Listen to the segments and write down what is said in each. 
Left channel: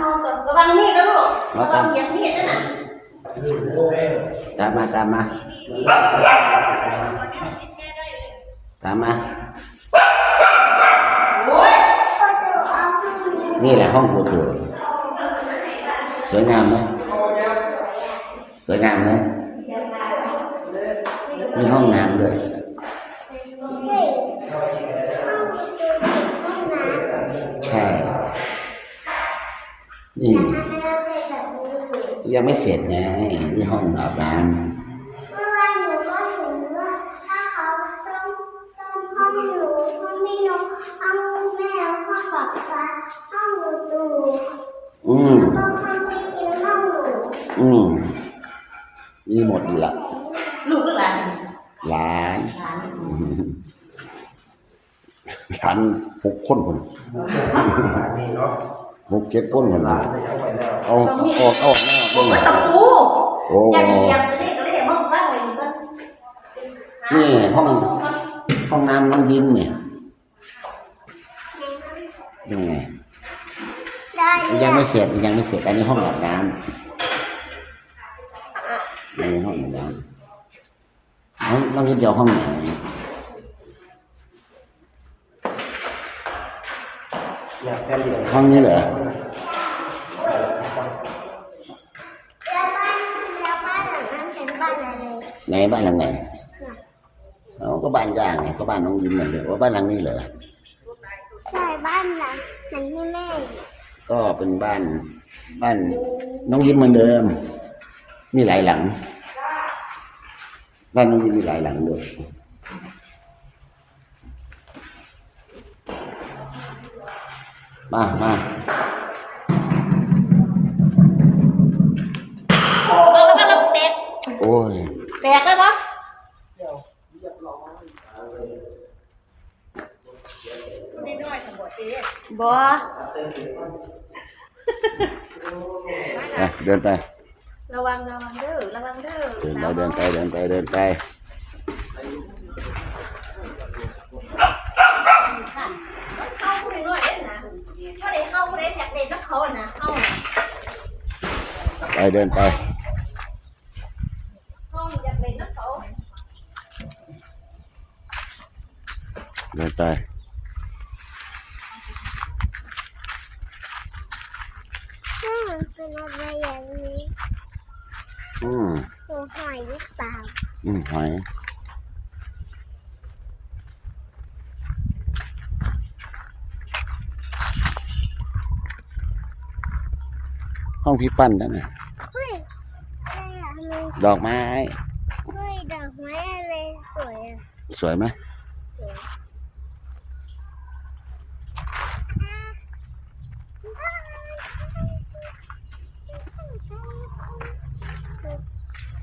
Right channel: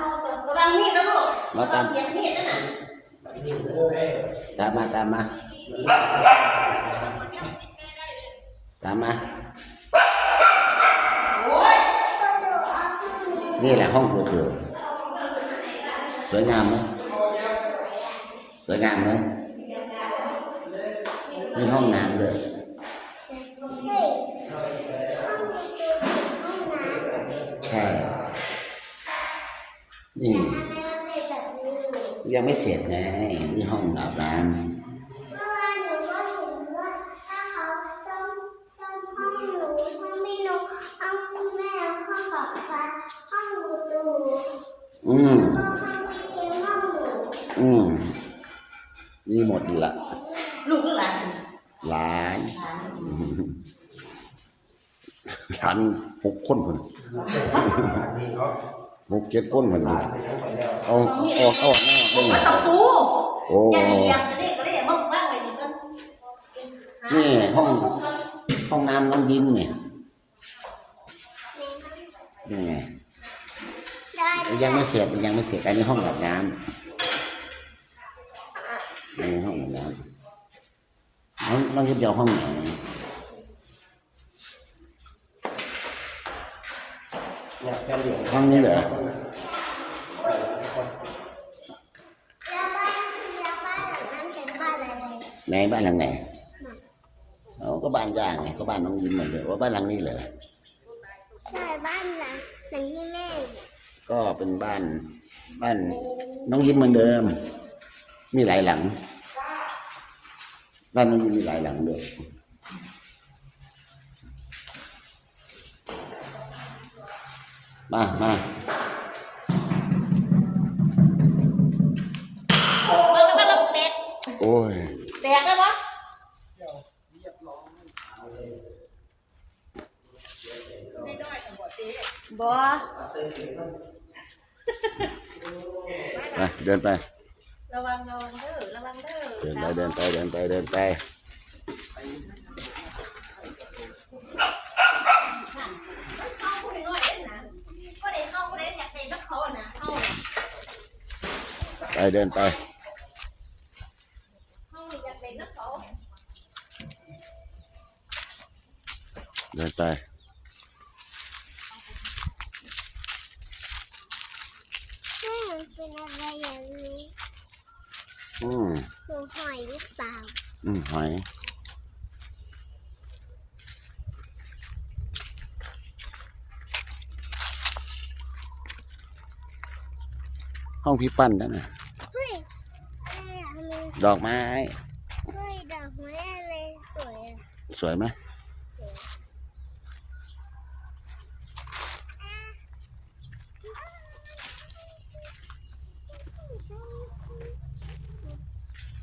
ห้องก่อนระวังมีดนะลูกระวังเหยียบมีดนั่นน่ะตามมาตามมา ตามมา โอ้ยนี่แหละห้องกูถือสวยงามไหมสวยงามไหมมีห้องน้ำด้วยใช่ นี่ ยังไม่เสร็จไงนี่ห้องอาบน้เมื่อวานหนูก็เห็นว่าถ้าเขาต้มต้มห้องหนูห้องพี่นกห้องแม่ห้องป๊าป๊าห้องหนูตู่ำอืมก็ห้องพี่กินห้องหนูอืมมีหมดอยู่ละลูกก็หลานหลานหลานอืมหลานหกคนคนนี่เนาะ หกเจ็ดคนคนหลาละนไปยังไปแล้วออกออกออกแน่โอ้เลยยตะปูโอ้อย่าเหยียบกระเดะกระเดะมั่งบ้างไว้นี่ก็นี่ห้องห้องน้ำน้องยิ้มเนี่ยนี่ไงได้มันยังไม่เสร็จมันยังไม่เสร็จอันนี้ห้องอาบน้ำนี่ห้องอาบน้ำน้องน้องยิ้มจะเอาห้องไหน อยากกันเดียว ห้องนี้เหรอแล้วบ้านแล้วบ้านหลังนั้นเป็นบ้านอะไรไหนบ้านหลังไหนเอาก็บ้านย่างไงเขาบ้านน้องยิ้มเหมือนเดิมว่าบ้านหลังนี้เหรอใช่บ้านหลังหลังที่แม่ ก็เป็นบ้านบ้านน้องยิ้มเหมือนเดิม มีหลายหลัง บ้านน้องยิ้มมีหลายหลังด้วย มามาโอ้แล้วก็เราแตกโอ้ยแตกแล้ววะบ่ไปเดินไประวังระวังเด้อระวังเด้อ เดินสาวไปเดินไปเดินไปเดินไป ขันเข้าผู้ใดน้อยเด้อนะผู้ใดเข้าผู้ใดอยากเล่นนักเขาอะนะเข้าน่ะ ไปเดินไปเข้าอยากเล่นนักเขาเดินไปแม่มันเป็นอะไรอย่างนี้อืมหนูหอยหรือเปล่าอืมหอยห้องพี่ปั้นนั่นน่ะ เฮ้ยอะไรอะทำไม ดอกไม้เฮ้ยดอกไม้อะไรสวยอะสวยไหม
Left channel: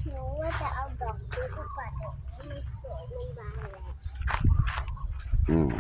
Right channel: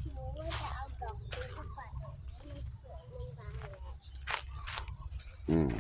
หนูว่าจะเอาดอกนี้ไปปัดให้มันสวยมันบานเลยอืม